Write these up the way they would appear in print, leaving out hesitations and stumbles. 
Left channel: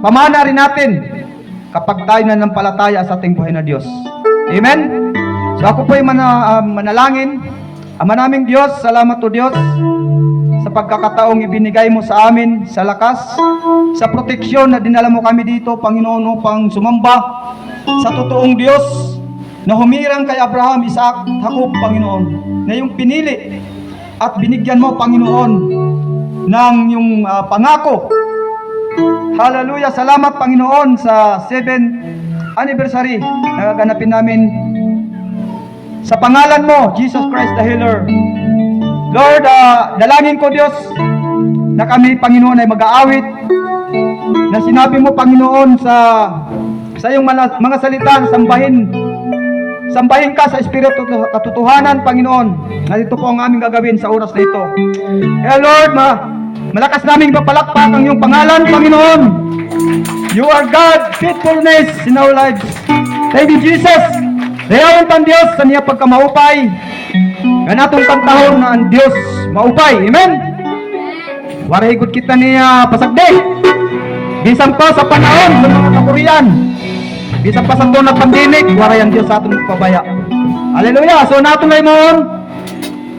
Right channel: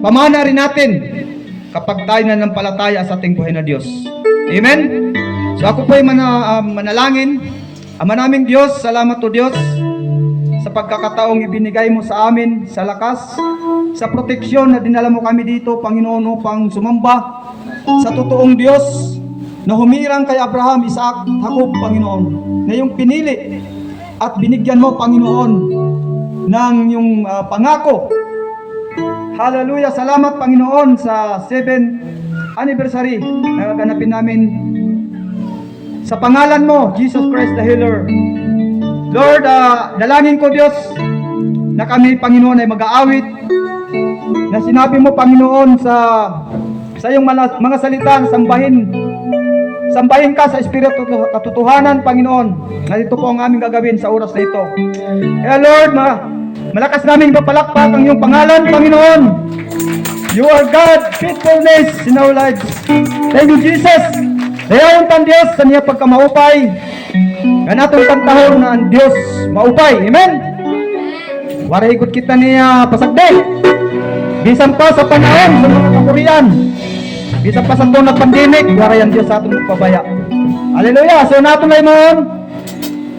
pamana rin natin kapag tayo nanampalataya sa ating buhay na Diyos. Amen? So ako po ay manalangin. Ama naming Diyos, salamat o Diyos sa pagkakataong ibinigay mo sa amin, sa lakas, sa proteksyon na dinala mo kami dito, Panginoon, upang sumamba sa totoong Diyos na humirang kay Abraham, Isaac, Jacob, Panginoon, na yung pinili at binigyan mo, Panginoon, ng yung pangako. Hallelujah! Salamat, Panginoon, sa 7th anniversary na gaganapin namin sa pangalan mo, Jesus Christ the Healer. Lord, dalangin ko, Diyos, na kami, Panginoon, ay mag-aawit na sinabi mo, Panginoon, sa iyong mga salita, sambahin ka sa Espiritu katotohanan, Panginoon. Narito po ang aming gagawin sa oras na ito. Lord, malakas naming papalakpak ang iyong pangalan, Panginoon. You are God, faithfulness in our lives. Thank you, Jesus. Dayawan pan Diyos sa niya pagkamaupay. Ganatong pantahon na ang Diyos maupay. Amen? Warigot kita niya pasagde. Bisan pa sa panahon sa mga kakurian. Bisan pa sa na pandemic, waray ang Diyos sa atong pabaya. Hallelujah! So natin ay mga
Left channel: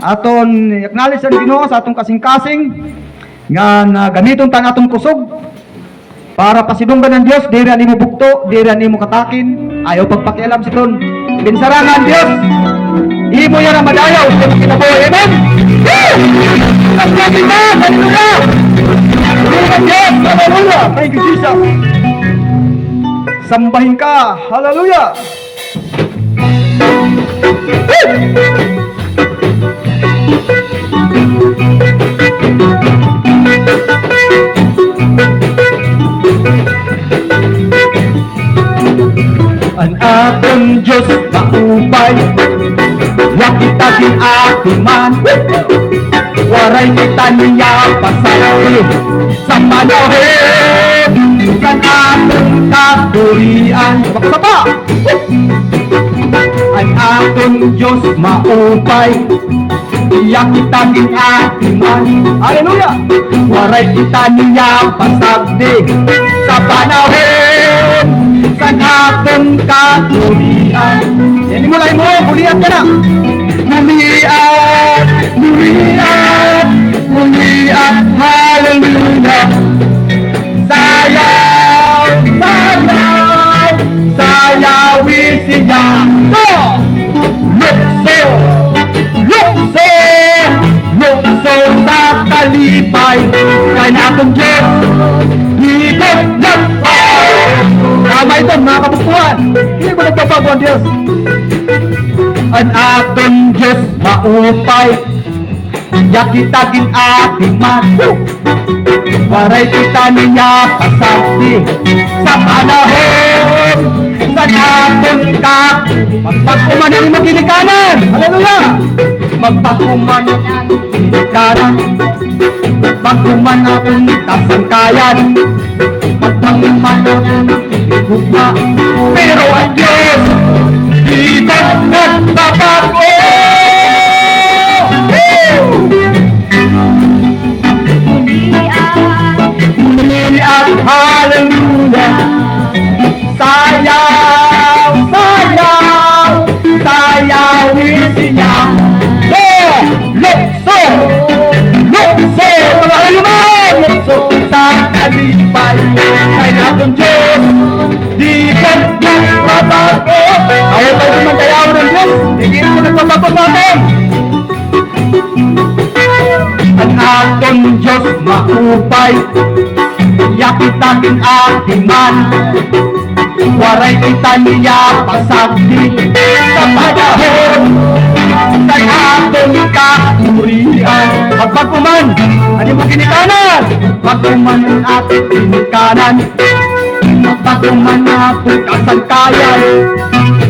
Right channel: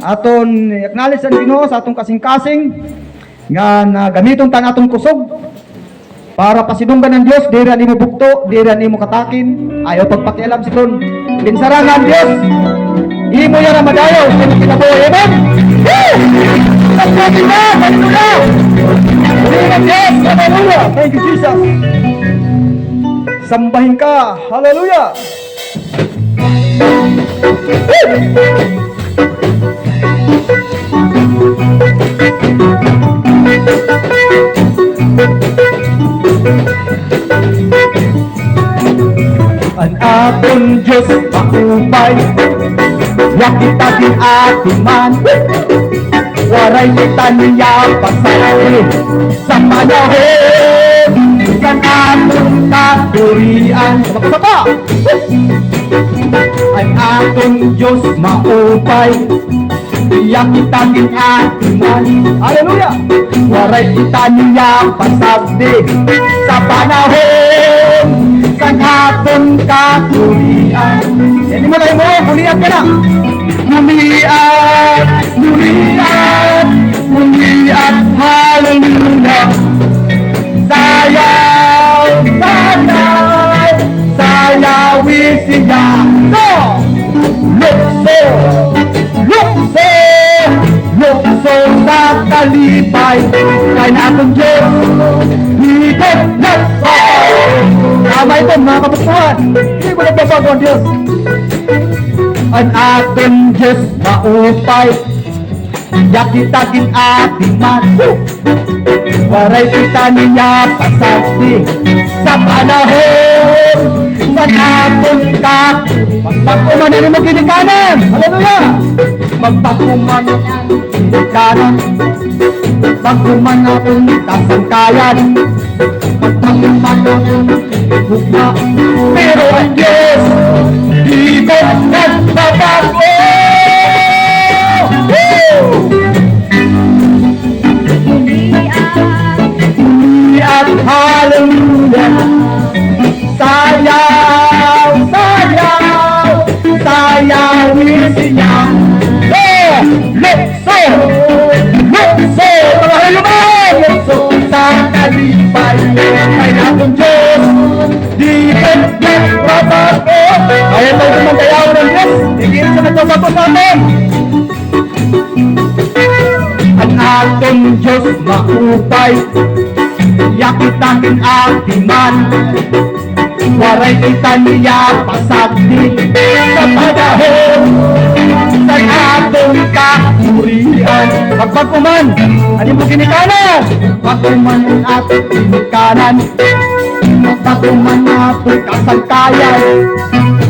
aton acknowledge ang Ginoo sa atong kasing-kasing nga gamiton tan atong kusog para pasidunggan ng Diyos, dira ni mo bukto, dira ni mo katakin, ayaw pagpakialam si Don. Binsarangan Diyos, imo yan ang madayaw, kinabuhi. Amen? Ang natin na, hallelujah! Hallelujah! Thank you, Jesus! Sambahin ka, hallelujah! Ang atong Diyos maupay, yakitagin ating man, waray kita niya pasaki sa panahon, kan atong kakurian. Baksa ang atong Diyos maupay, yakitagin ating man, hallelujah, waray kita niya pasaki sa panahon, kan atong kakurian. Yan mo lang mo, buliat ka na. Buliat, hallelujah. Sayawi siya. Lukso sa kalipay, kaya akong Diyos, higit na. Tama ito, mga kabukuhan. Hindi ko nagbabago ang Diyos. Ang atong Diyos maupay, yakitagin ating man, waray kita niya kasakti sa panahon, sa atong magtakuman nila maginikanan. Hallelujah! Magtakuman maginikanan, magkuman atong kasangkayan, magtakuman gugma, pero ang Diyos di ba nagbabago? Buliat, hallelujah. Sayawi siya. Lukso sa kalipay, kaya akong Diyos di ba nagbabago? Kaya tayo naman kayaw ng Diyos, hindi ko nagbabago natin. Ang atong Diyos maupay, yakitagin ating man, waray kita niya pasakti sa panahon, sa atong kakurian. Pagpakuman, ano mo ginikanan? Pagpakuman ang ating ginikanan, pagpakuman ang ating kasangkayan,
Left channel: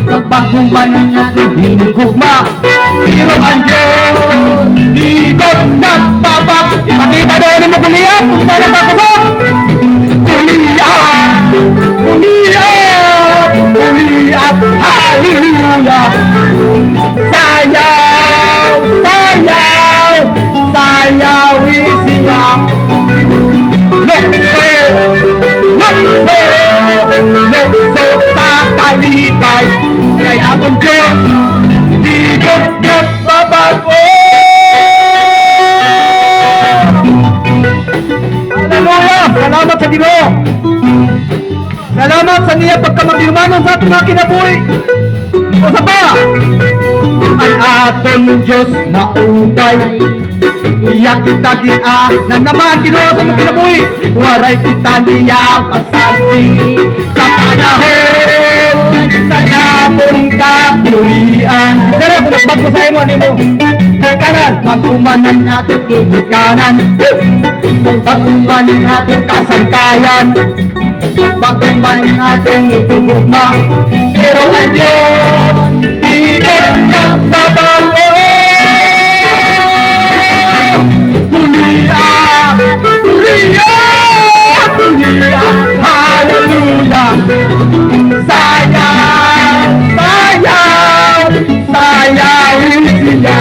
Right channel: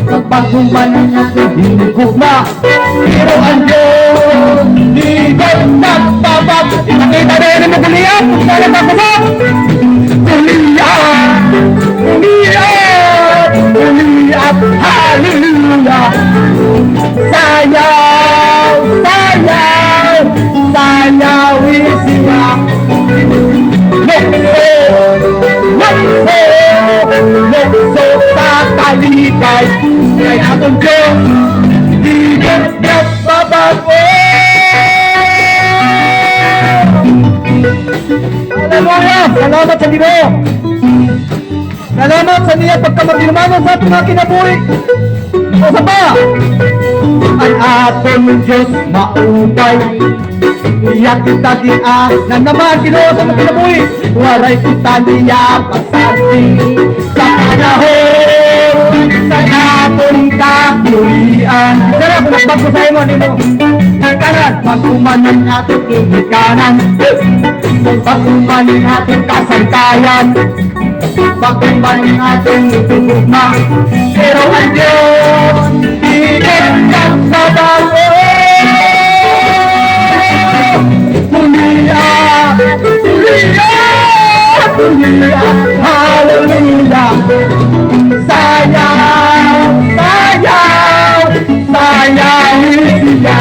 pagpakuman ang ating hinugugma, pero ang Diyos di ba nagbabago? Ipakita na yun ang nagaliyan, kumaya na ako sa Buliat, hallelujah. Sayawi siya. lukso sa kalipay, kaya kung Diyos, di ka nagbabago. Salamat sa Ginoo. Salamat sa niya pagkamagdinumanon sa ating mga kinabuhi. O sa pa, ang atong Diyos maugay. Iyak kita na naman Ginoo sa mga kinabuhi. Waray kita niya pasabi sa panahon sa atong kabuhian. Sana kung nagbagusahin mo, ano mo? Kanan, pag-umanan natin kumikanan, pag-umanan natin kasangkayan, pag-umanan natin tugma, pero ang Diyos, hindi ka mabago. Tuliya, tuliya, tuliya, hallelujah, sayang, sayang, sayang siya.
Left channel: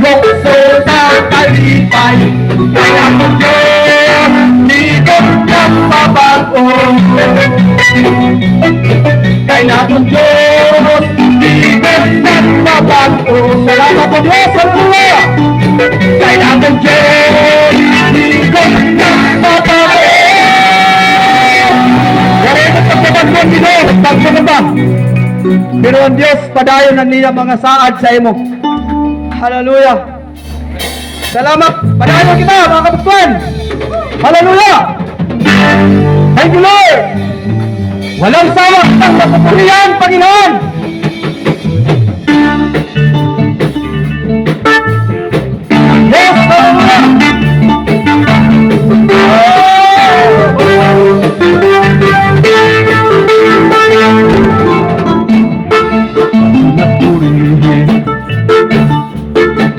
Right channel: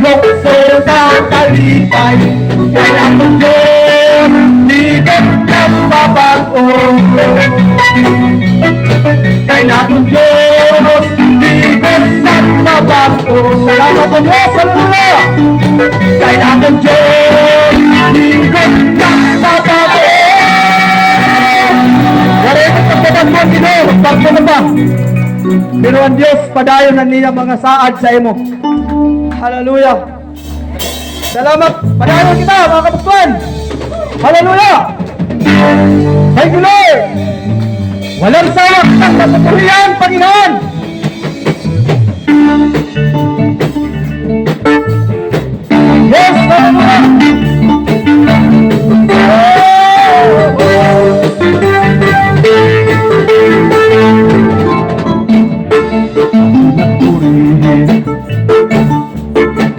Lukso sa kalipay, kaya kung Diyos, di ka nagbabago. Kaya kung Diyos, di ka nagbabago. Salamat po Diyos sa mula. Kaya kung Diyos, di ka nagbabago. Kaya kung Diyos, pagpapagpag. Pero ang Diyos, padayon na niya mga saad sa imo. Hallelujah. Salamat. Padayon kita, mga kapustuan. Hallelujah. Thank you, Lord. Walang sayang ng kapatulian, Panginoon. Yes,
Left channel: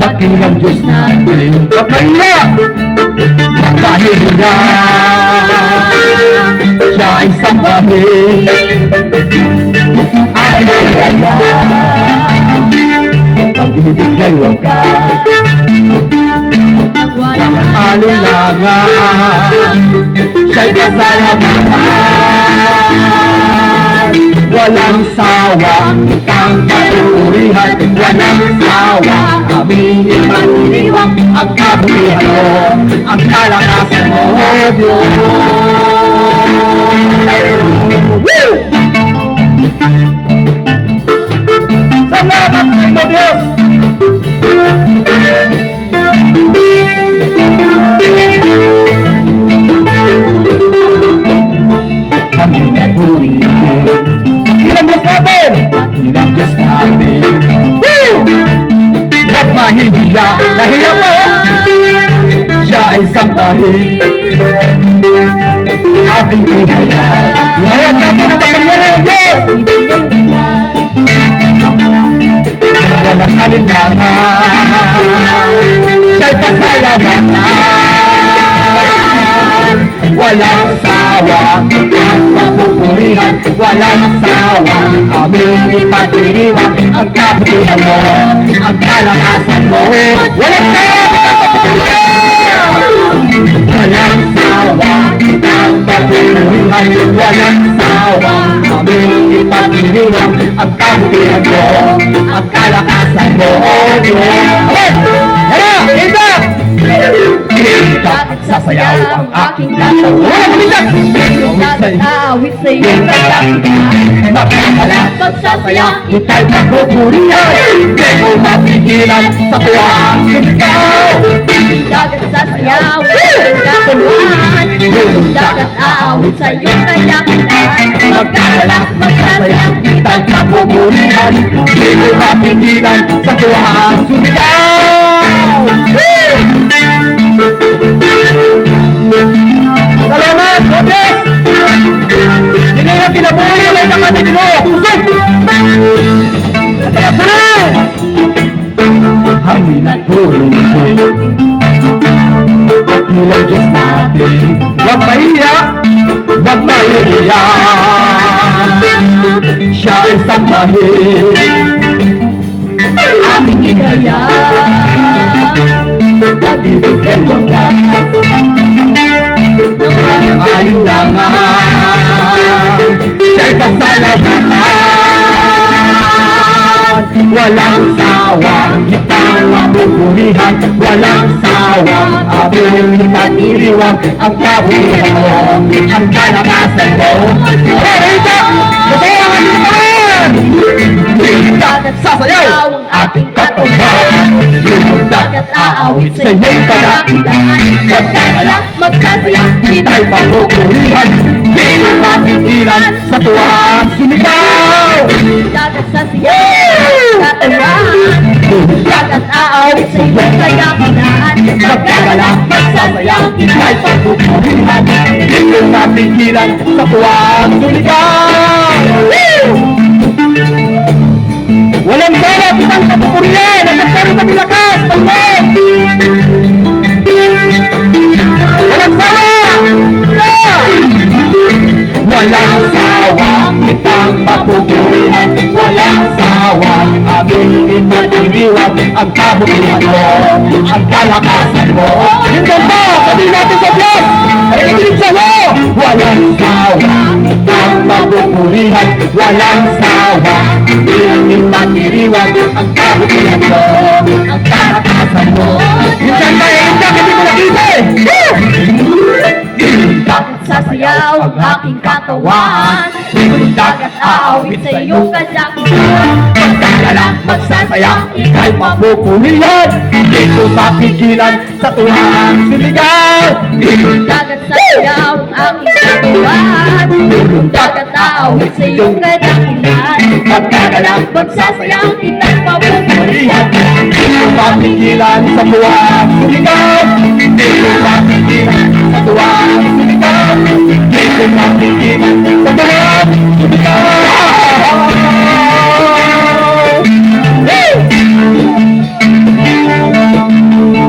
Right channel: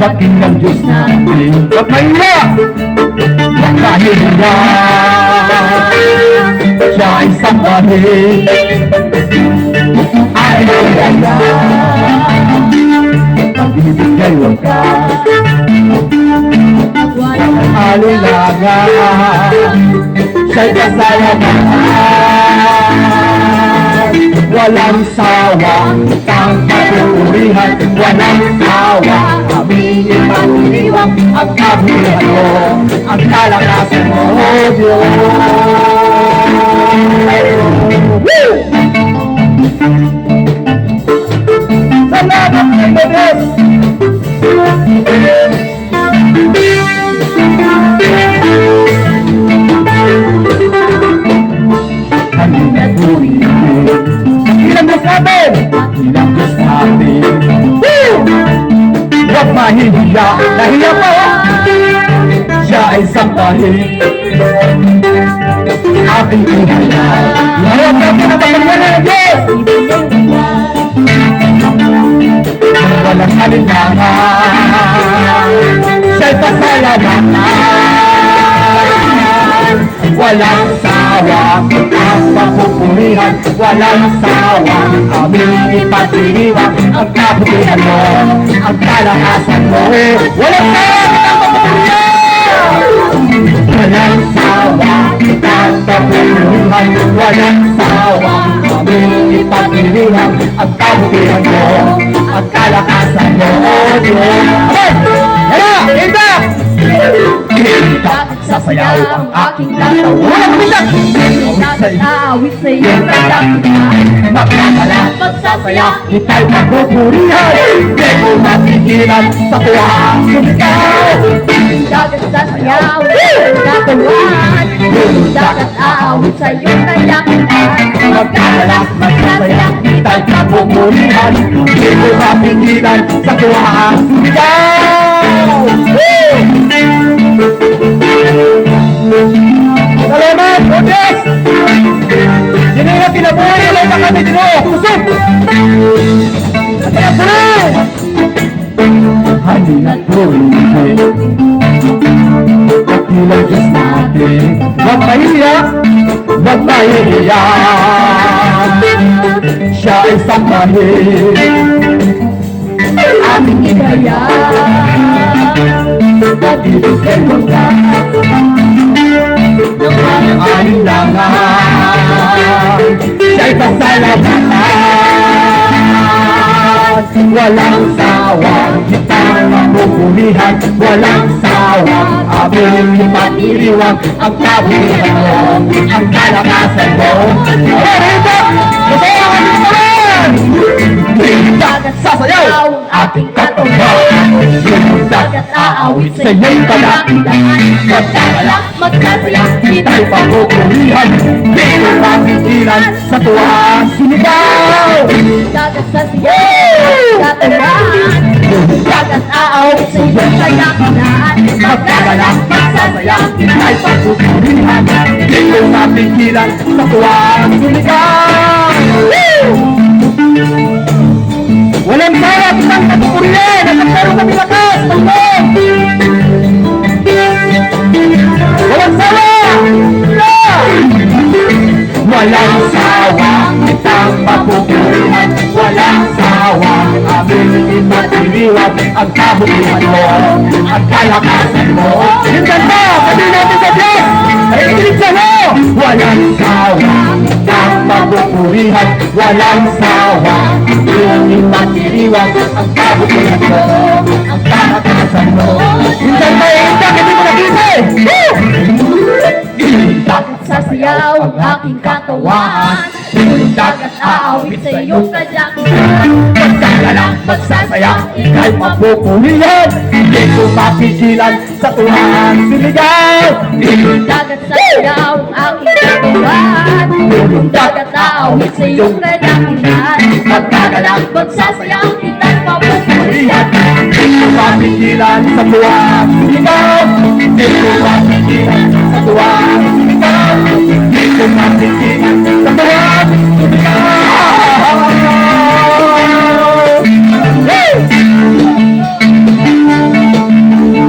pakinggan Diyos natin kapaya nakahiga siya ay sangkahin ay nagaya pagbibigay wakas alinlangan siya'y kasayaman walang sawang ang katurihan, walang sawang aming ipagdiriwang ang kabuhian mo, ang kalakasan mo, O Diyos. Salamat sa Diyos. Kami nagurihin ilang Diyos natin! Ilang Diyos natin! Woo! Huwag mahihiya! Nahiya mo! Siya ay sangkahin! Ating pinaya! Ngayon natin ang kapangyarihan ng Diyos! Walang alinlangan! Siya'y pasalamat! Walang sawang ang kapupurihan, walang sawang aming ipagdiriwang ang kabutihan mo, ang kalakasan mo. Walang sawang ang kapupurihan, walang sawang aming ipagdiriwang ang kabutihan mo, ang kalakasan mo. Bakit sasayaw ang aking katawan? Awit sa iyong kadakitan, mapagalapat sasayaw, ita'y magpupurihan, di mo matigilan sa tuwang sumigaw. Dagat sasayaw, katuluhan, dagat awit sa iyong kadakitan, mapagalapat sasayaw, ita'y magpupurihan, di mo matigilan sa tuwang sumigaw. Salamat, Diyos! Hindi na kinabuhi lang ang ating Diyos! Tusok! At ayasan! Kami nagpulungan ilang Diyos natin. Huwag mahiya! Huwag mahiya! Siya ay sangkahin aming ikaya. Pag-ibig ay wakas walang sawang kitang mabubulihan, walang sawang aming pinag-iriwan, ang kabuhian mo, ang kalakasan mo. Rito! Kasayawan mo naman! Dagat sasayaw ang ating katawan, yung dagat aawit sa iyong kadakilan. Magkakalak, magkasaya, kita'y mabubulihan, di mo mapigilan sa tuwang sumigaw. Dagat sa siyaw, katawan, dagat aawit sa iyong kadakilan. Magkakalak, magsasayaw, kita'y mabubulihan, di mo mapigilan sa tuwang sumigaw. Walang sawa kitang kapupurihan at nagkaroon kami lakas ng loob. Walang sawa! Walang sawa kitang kapupurihan, walang sawa aming pinag-iriwan, ang kabuhian mo, ang kalakasan mo. Yung ganda, sabi natin sa Diyos, ay ikilig sa mo. Walang sawa kitang kapupurihan, walang sawa aming pinag-iriwan, ang kabuhian mo, ang kalakasan mo. Yung ganda, hindi mo nakita eh. Sa siyaw ang aking katawan, dagat aawit sa iyong kadakilan. Magsasayaw, magsasaya, ika'y mapupulihan, di ko mapigilan sa tuwang sumigaw. Dagat sa siyaw ang aking katawan, dagat aawit sa iyong kadakilan. Magkakalak, Magsasayaw kita'y mapupulihan, papupulihan, di ko mapigilan sa tuwang sumigaw. Di ko mapigilan sa tuwang sumigaw. Di ko mapigilan sa tuwang sumigaw.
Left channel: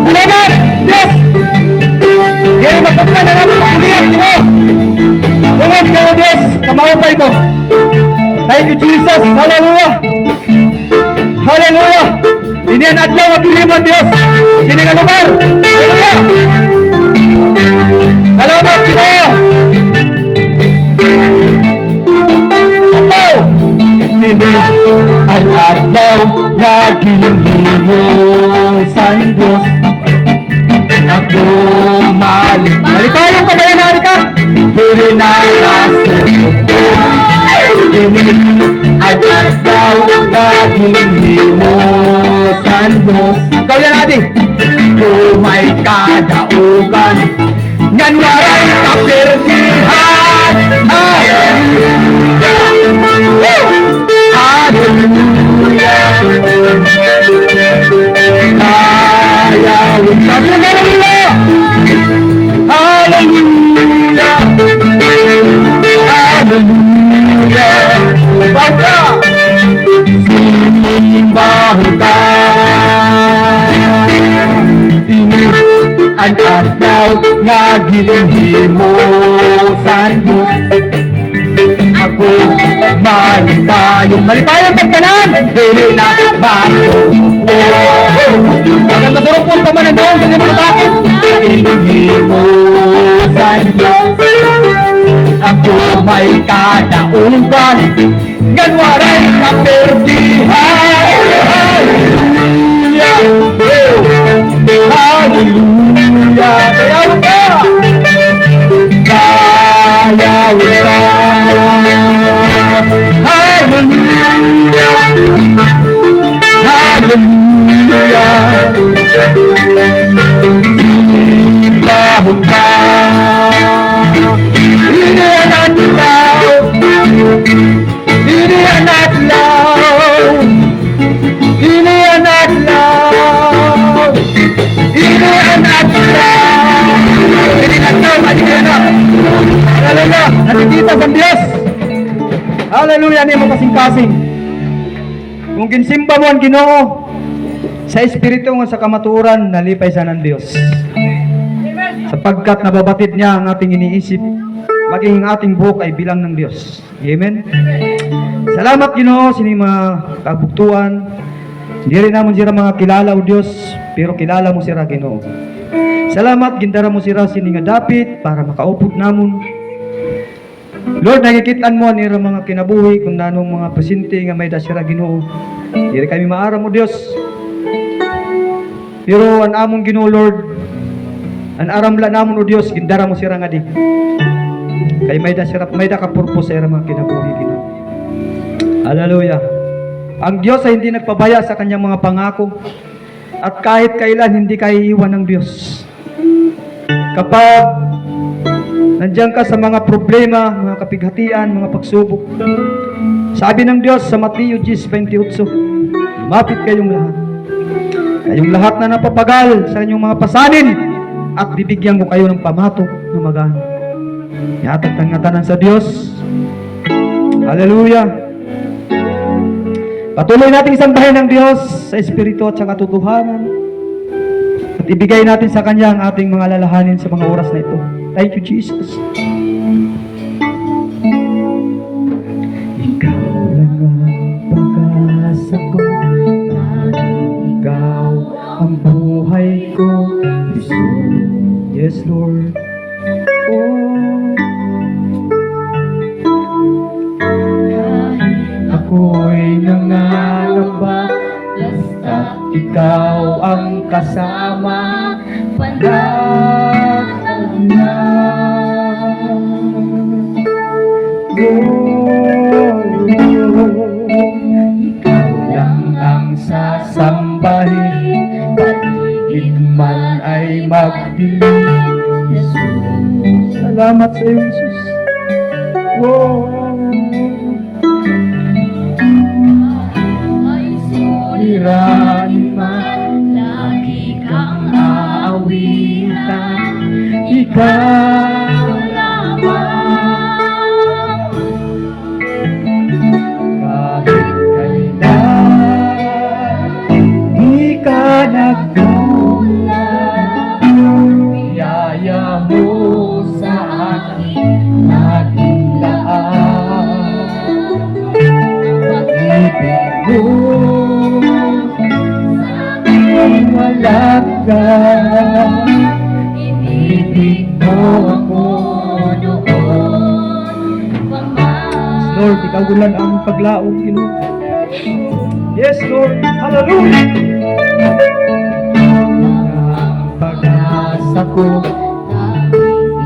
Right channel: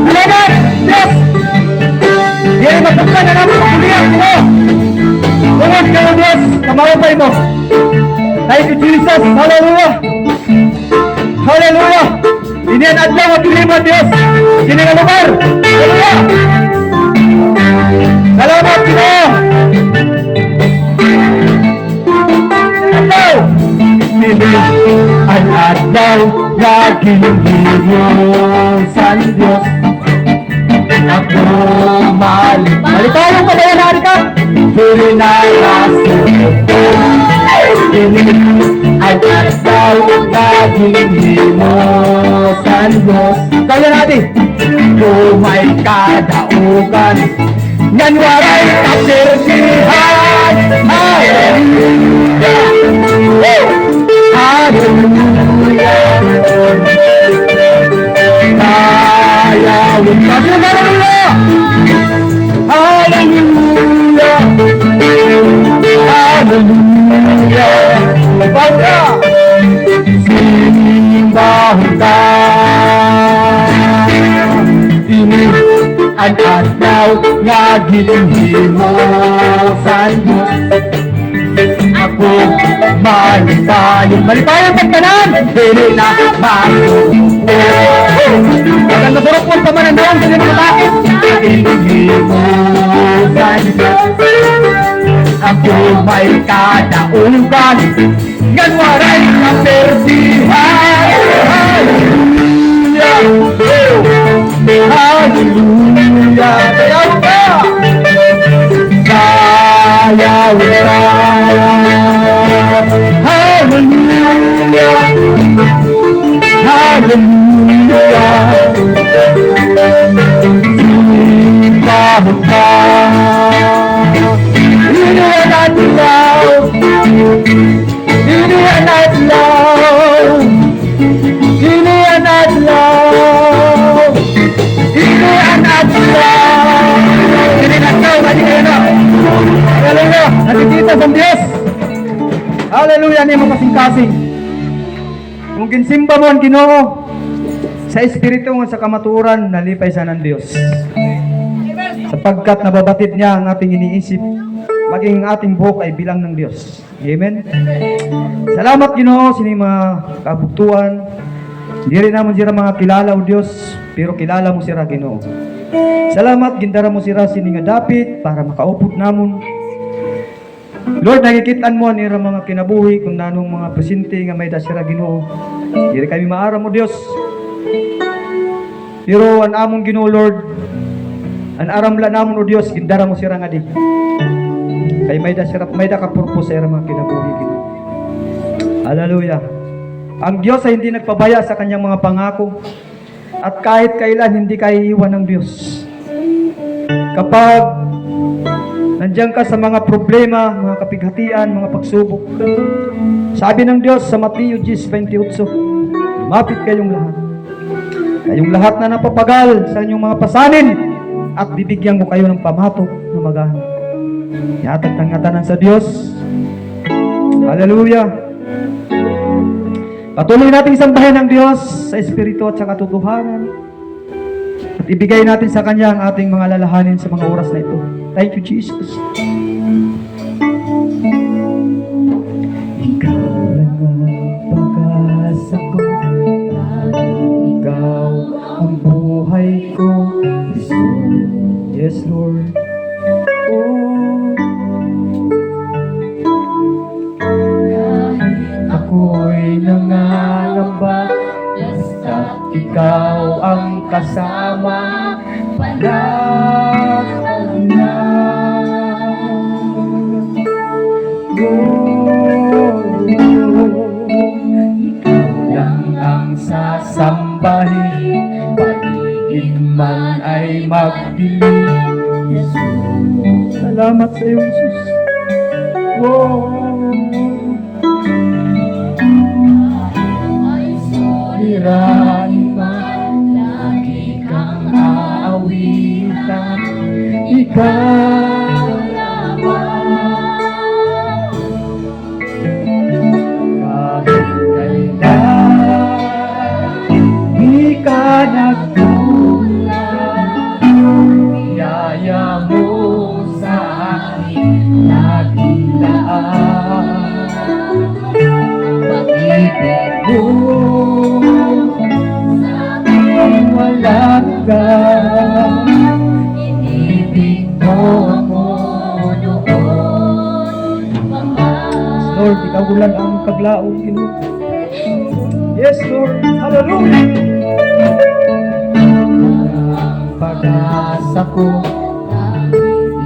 Salamat! Yes! Yan ang magkabulan na namin ang kulihan mo! Salamat kayo, Diyos! Kamahupay mo! Thank you, Jesus! Hallelujah! Hallelujah! Ini ang adlaw at lima, Diyos! Ini ang lugar! Hallelujah! Salamat, Ginoo! Adlaw! Ini ang adlaw na ginilimu sa Diyos. Ako maligayang ka kaya nari ka? Hindi na raso. Ini ang adlaw na ginilimu sa Diyos. Kaya natin, kumay kadaugan, ngan waray kapirsihan. Hallelujah! Hallelujah! Hallelujah! Hallelujah! Basta! Simbahon ka! Ini ang adlaw nga ginhimo sa Diyos. Ako maligayang pagtanan, dili na bago. Maganda sa rupon ka man ang taon, hindi mo bakit? Ginhimo sa Diyos. Ako may kadaugan, ganwaray ang persihan. Hallelujah! Kaya ka! Kaya wala! Hallelujah! Hallelujah! Simbahon ka! Ini ang adlaw! Ini ang adlaw! Ini ang adlaw! Ini ang adlaw! Ini ang adlaw! Mali kayo na! Hallelujah! Nakikita sa Diyos! Hallelujah! Hindi mo kasing-kasing! Kung ginsimba mo ang Ginoo sa espiritu mo sa kamaturan, nalipay sa ng Diyos. Sapagkat nababatid niya ang ating iniisip, maging ating buhok ay bilang ng Diyos. Amen? Salamat Ginoo sa inyong mga kabuktuan. Hindi rin naman sila mga kilala o Diyos, pero kilala mo sila Ginoo. Salamat, gindara mo sila sininga dapit para makaupot namon. Lord, nakikitaan mo nira mga kinabuhi kung nanong mga pasyente nga may dasira Ginoo. Diri kami maara mo Dios. Pero ang among Ginoo Lord, ang aramla namon o Dios, gindara mo sira nga di. Kay may da ka purpose sa ira mga kinabuhi Ginoo. Hallelujah. Ang Diyos ay hindi nagpabaya sa kanyang mga pangako. At kahit kailan hindi kayo iiwan ng Diyos. Kapag nandiyan ka sa mga problema, mga kapighatian, mga pagsubok, sabi ng Diyos sa Mateo 10:28, lumapit kayong lahat. Kayong lahat na napapagal sa inyong mga pasanin at bibigyan ko kayo ng pamatok na magana. Yatag tangatanan sa Diyos. Hallelujah. Patuloy nating sambahin ng Diyos sa Espiritu at sa katotohanan. At ibigay natin sa Kanya ang ating mga lalahanin sa mga oras na ito. Thank you, Jesus. Ikaw lang ang pag-asa ko. Ikaw ang buhay ko. Jesus. Yes, Lord. Ako'y nangangamba, basta ikaw ang kasama, panatag na. Ikaw lang ang sasambahin, paligid man ay magdilim. Jesus, salamat sa iyo, Jesus. Suliranin man, lagi kang aawitan, ikaw lamang. Kahit kailan, di ka nagkulang, biyaya mo sa akin, laging laan. Pag-ibig mo walang hanggan, inibig mo ako noon. Lord, ikaw lang ang paglaong Ginoo. Yes, Lord. Hallelujah. Ang pag-asa ko,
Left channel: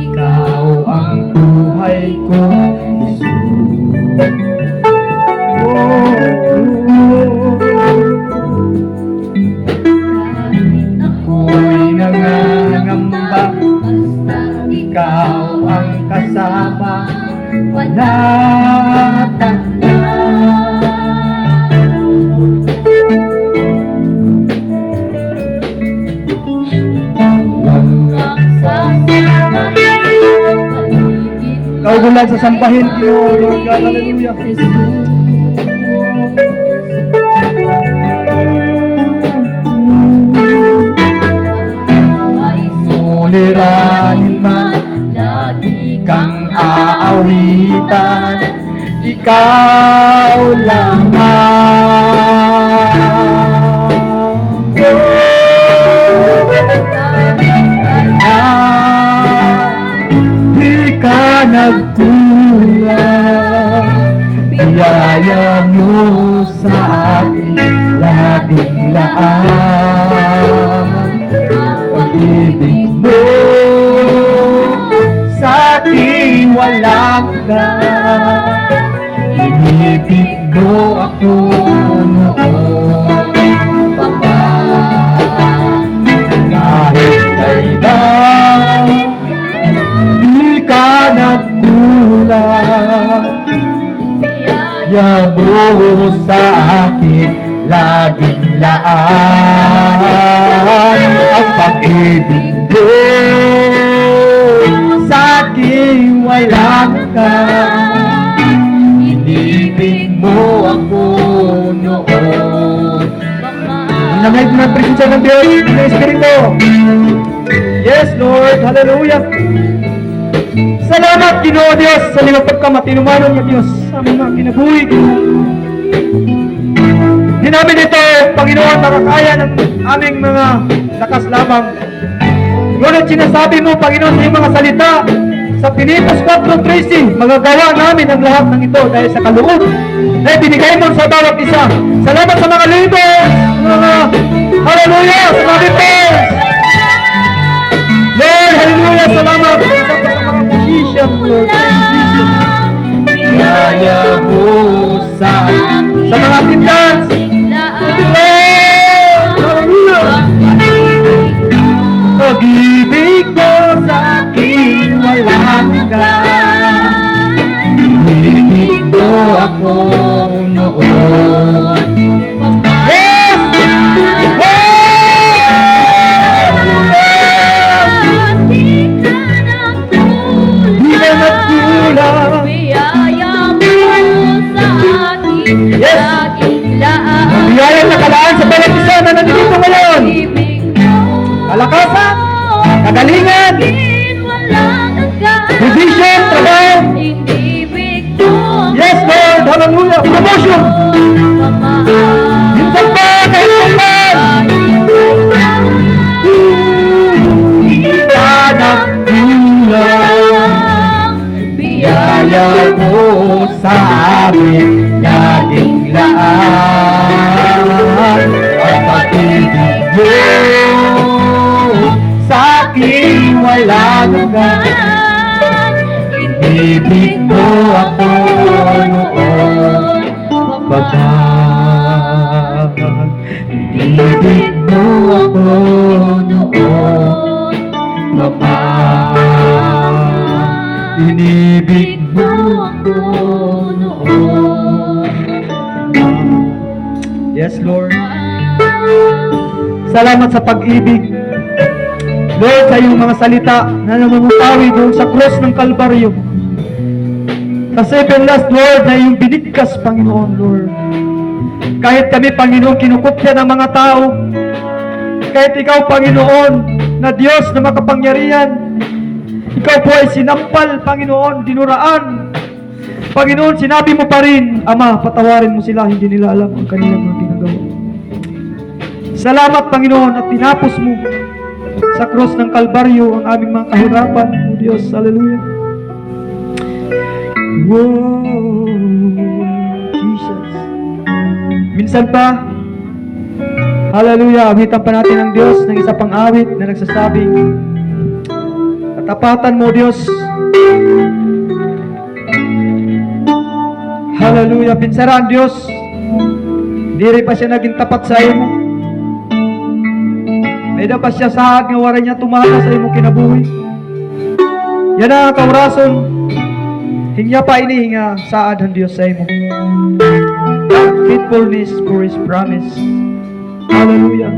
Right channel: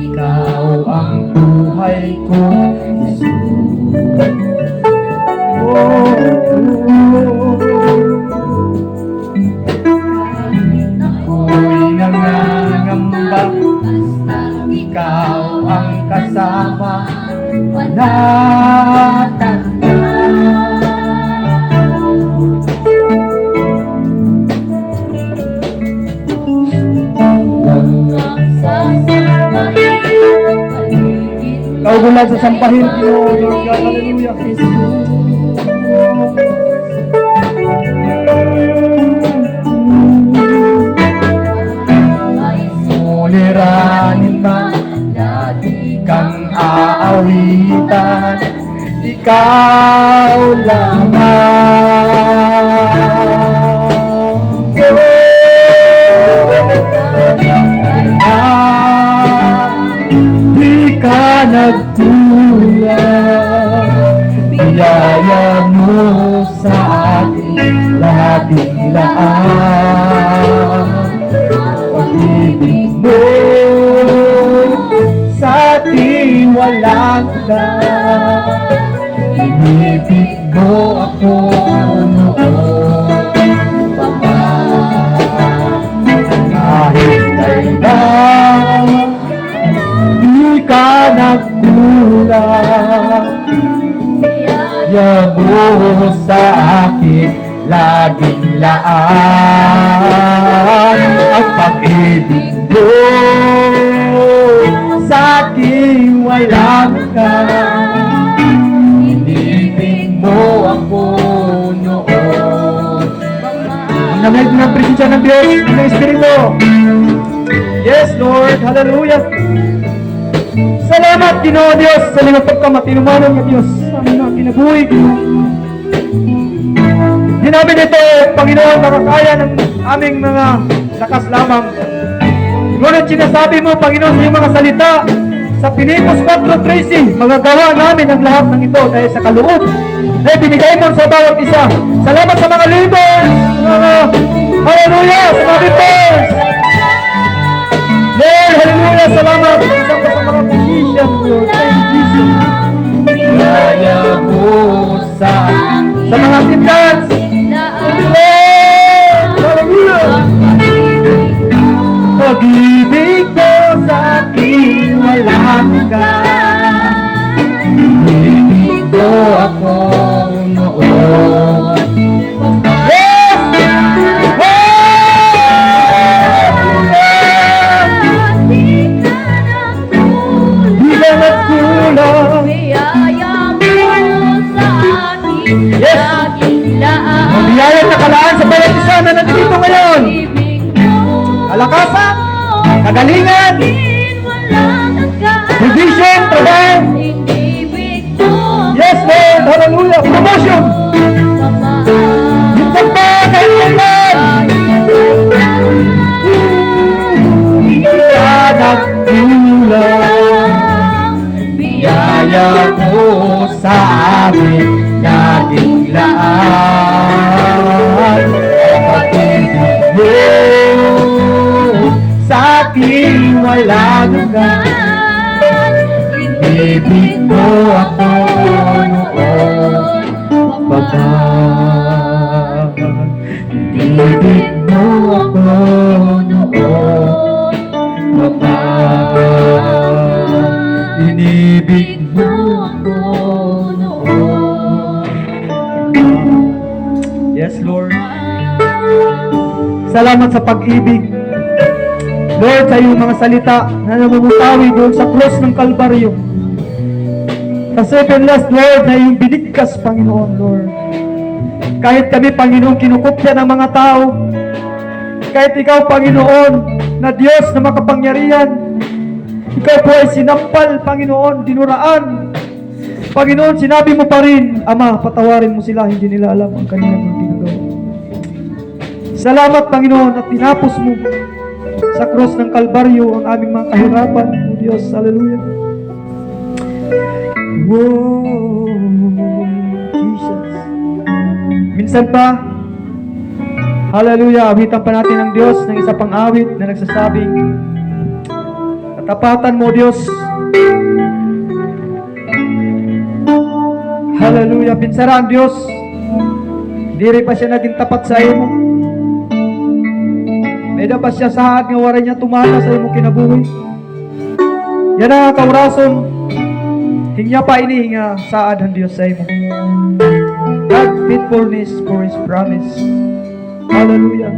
ikaw ang buhay ko, Jesus. Ako'y nangangamba, basta ikaw ang kasama, panatag na. Ikaw bulan sa sampahin, Lord God, hallelujah. Suliranin man, lagi kang aawitan, ikaw lamang. Di ka nagkulang, biyaya mo sa akin, laging laan. Pag-ibig mo sa akin walang hanggan, inibig mo ako noon. Kahit kailan, di ka nagkulang, biyaya mo sa akin, laging laan. Ang pag-ibig mo sa akin walang hanggan, inibig mo ako noon. Ang nangayad na presensya ng Diyos, ng Espiritu. Yes, Lord. Hallelujah. Salamat, Ginoo Diyos, sa liwatag ka matinumanong ng Diyos sa mga kinabuhi. Di namin ito, Panginoon, marakaya ng aming mga lakas lamang. Ngunit sinasabi mo, Panginoon, sa iyong mga salita, sa Filipos 4:13, magagawa namin ang lahat ng ito dahil sa kaloob na binigay mo sa bawat isa. Salamat sa mga leaders, mga hallelujah, sa mga leaders. Lord, hallelujah, salamat sa mga musician, Lord, kaya mo sa mga kitans. Pag-ibig mo sa akin walang hanggan. Ibig mo ako noon. Yes! Di na nagkulang. Yes! Biyayang nakalaan sa bawat isa na nandito ngayon. Kalakasan, kagalingan, provision, trabaho. Yes, Lord, hallelujah, promotion. Minsan pa, kailangan. Hanap bulan, biyaya mo sa amin, laging laan. Ang pag-ibig mo sa akin walang hanggan. Ibig mo ako noon, Baba. Ibig mo ako noon, Baba. Inibig mo ako noon. Yes, Lord. Salamat sa pag-ibig. Lord, sa iyong mga salita na namumutawi doon sa cross ng Kalbaryo. Kasi last, Lord, na iyong binigkas, Panginoon, Lord. Kahit kami, Panginoon, kinukupya ng mga tao, kahit ikaw, Panginoon, na Diyos na makapangyarihan, ikaw po ay sinampal, Panginoon, dinuraan. Panginoon, sinabi mo pa rin, Ama, patawarin mo sila, hindi nila alam ang kanilang mga ginagawa. Salamat, Panginoon, at tinapos mo sa cross ng Kalbaryo ang aming mga kahirapan, O Diyos, hallelujah. Whoa, Jesus. Minsan pa, hallelujah, awitan pa natin ang Diyos ng isa pang awit na nagsasabing, katapatan mo, Diyos. Hallelujah, pinsara ang Diyos. Hindi rin pa siya naging tapat sa imo. May da pa siya saad nga wala niya tumama sa imo kinabuhi. Yan ang kaurason. Hingya pa inihinga saad ang Diyos sa imo. God faithfulness for His promise. Hallelujah.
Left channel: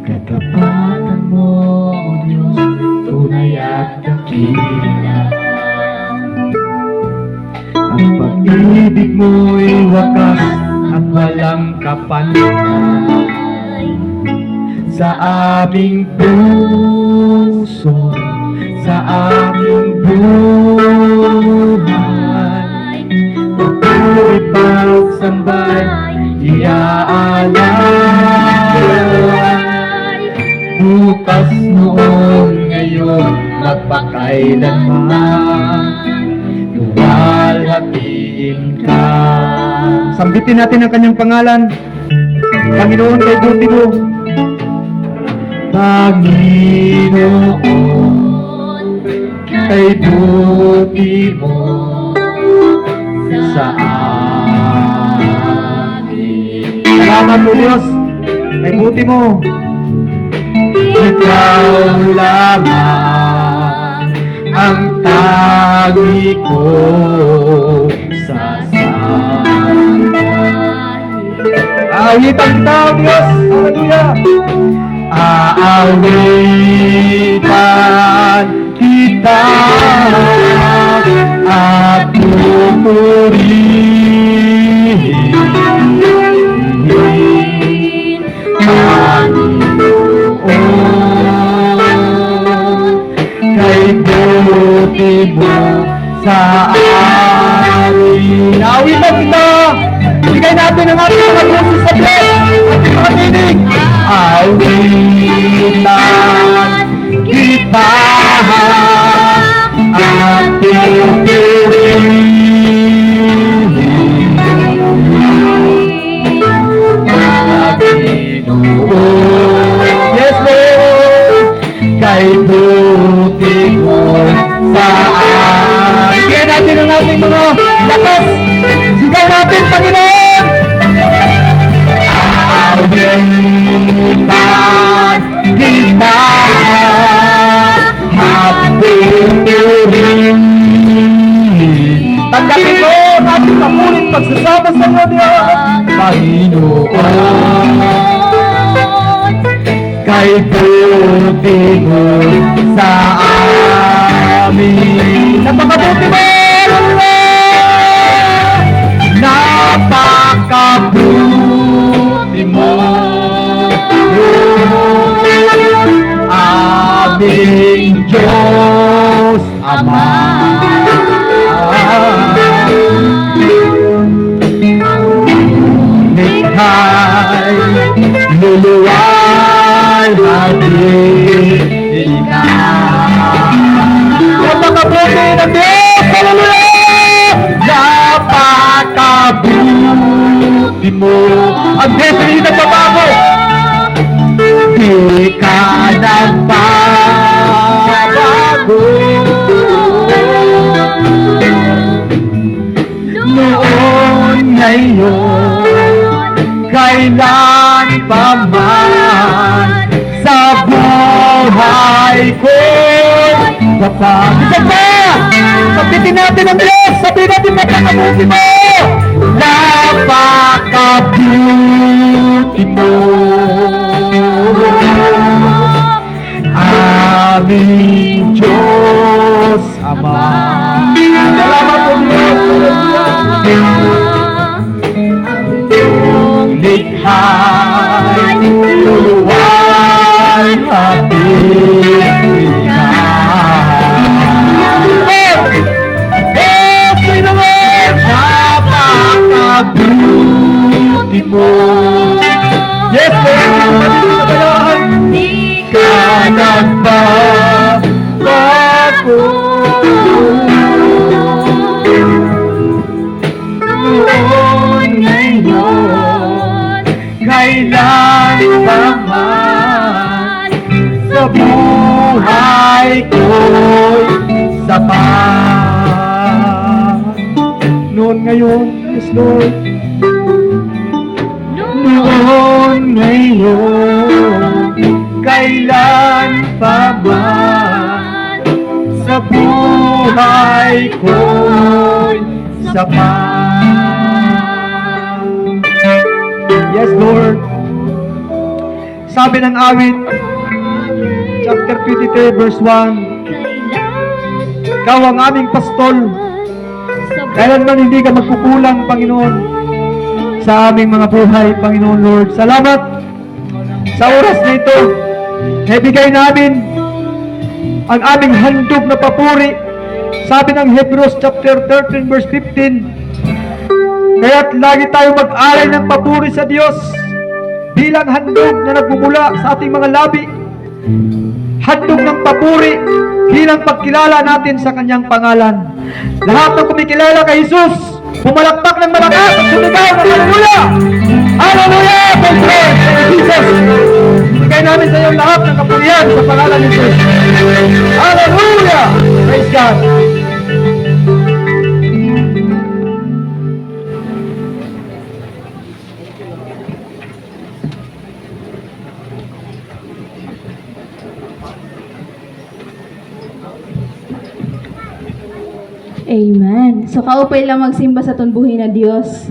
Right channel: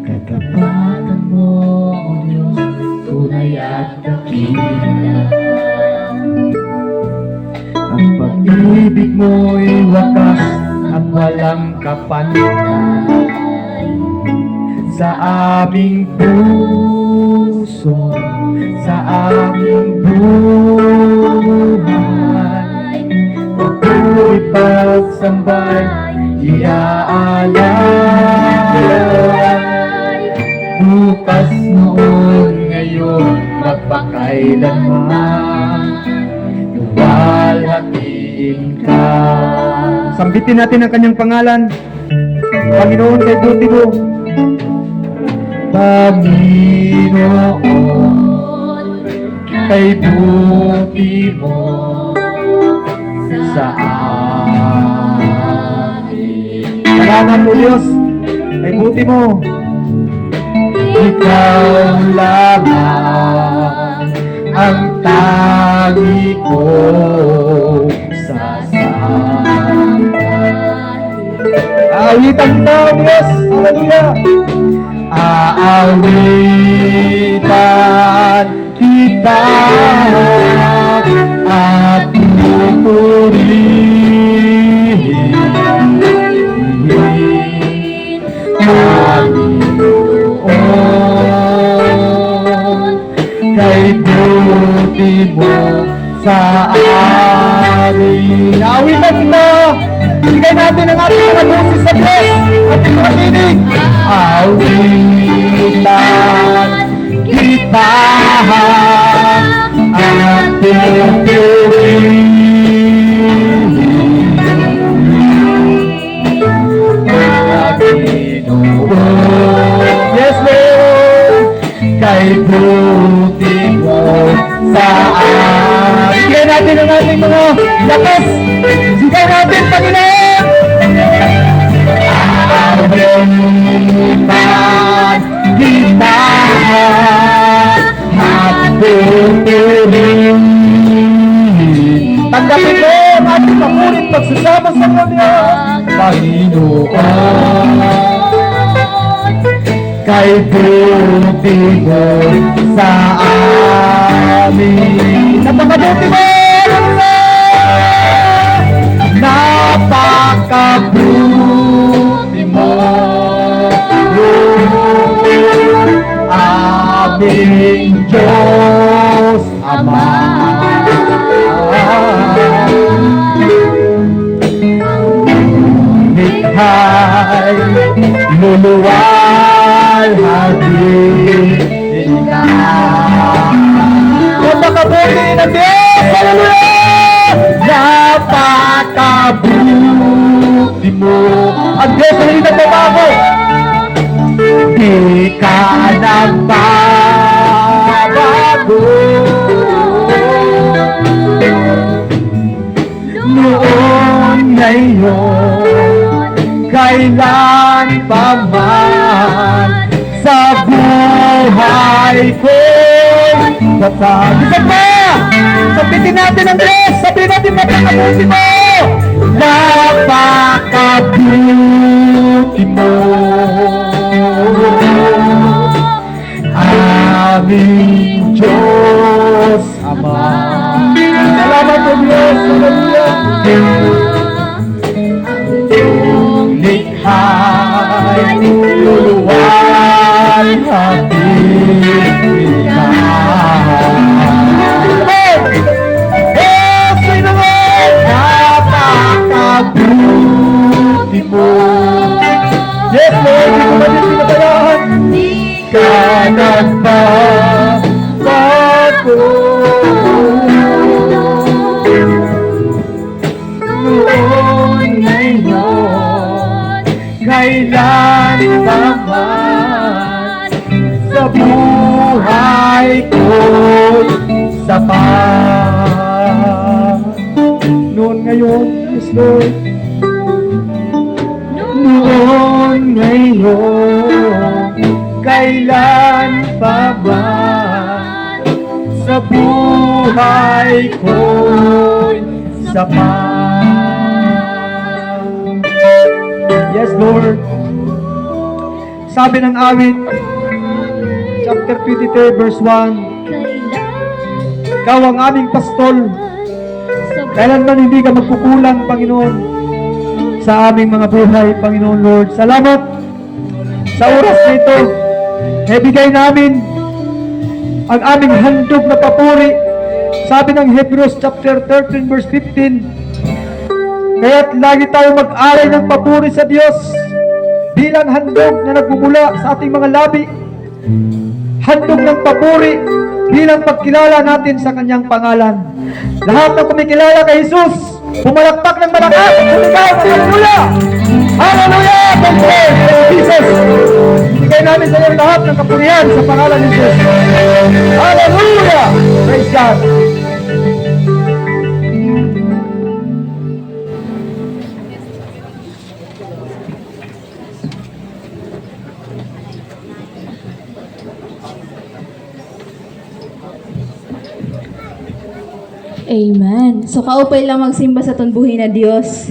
Katapatan mo, Diyos, tunay at dakila. Ang pag-ibig mo'y wakas at walang kapantay. Sa aming puso, sa aming buhay, patuloy pagsambay, iaalay. Bukas noon ngayon, magpakailanman, luwalhatiin ka. Sambitin natin ang kanyang pangalan, Panginoon, kay buti mo. Panginoon, kay buti mo sa amin. Salamat po, Diyos, kay buti mo. Ikaw lamang ang tawi ko sa sangkay. Awitan kita, Diyos, hallelujah. Aawitan kita at pupurihin kay buti mo sa amin. Awitan kita. Bigay natin ang ating mga boses sa Diyos at pagkakinig. Awitan kita Yes, Lord, kay buti mo sa akin. Sige natin ang ating mga lakas. Sige natin, Panginoon. Awitan kita, mabuti rin. Tanggapin mo ang ating mabuting pagsasama sa kanya, Panginoon. Kay buti mo sa amin. Napakabuti mo, napakabuti mo, aming Diyos Ama. Likhay, luluwal, hagin ka. Napakabuti ng Diyos! Hallelujah! Napakabuti mo. Ang Diyos ay hindi nagbabago. Di ka nagbabago. Noon, ngayon, kailan pa man sa buhay ko. Isa pa! Sabitin natin ang Diyos! Sabitin natin napakabuti mo! Napakabuti mo! Aming Diyos Ama. Salamat po Diyos! Likhay, luluwal, hapit ka. Napakabuti mo. Yes, Lord, hindi mo din pinatayan. Di ka nagbabago. Noon, ngayon, kailan pa man sa buhay ko'y sapat. Noon, ngayon, yes, Lord. Noon, ngayon, kailan pa man sa buhay ko'y sapat. Yes, Lord. Sabi ng awit, chapter 23, verse 1, Ikaw ang aming pastol. Kailanman hindi ka magkukulang, Panginoon, sa aming mga buhay, Panginoon Lord. Salamat sa oras na ito. Ibigay namin ang aming handog na papuri. Sabi ng Hebrews chapter 13 verse 15, kaya't lagi tayo mag-alay ng papuri sa Diyos bilang handog na nagmumula sa ating mga labi. Handog ng papuri bilang pagkilala natin sa kanyang pangalan. Lahat ng kumikilala kay Jesus, pumalakpak ng malakas, sumigaw, hallelujah! Hallelujah! Thank you, Jesus! Ibigay namin sa iyo lahat ng kapurihan sa pangalan ni Jesus. Hallelujah! Praise God! Amen. So kaupay lang magsimba sa tunbuhin na Diyos.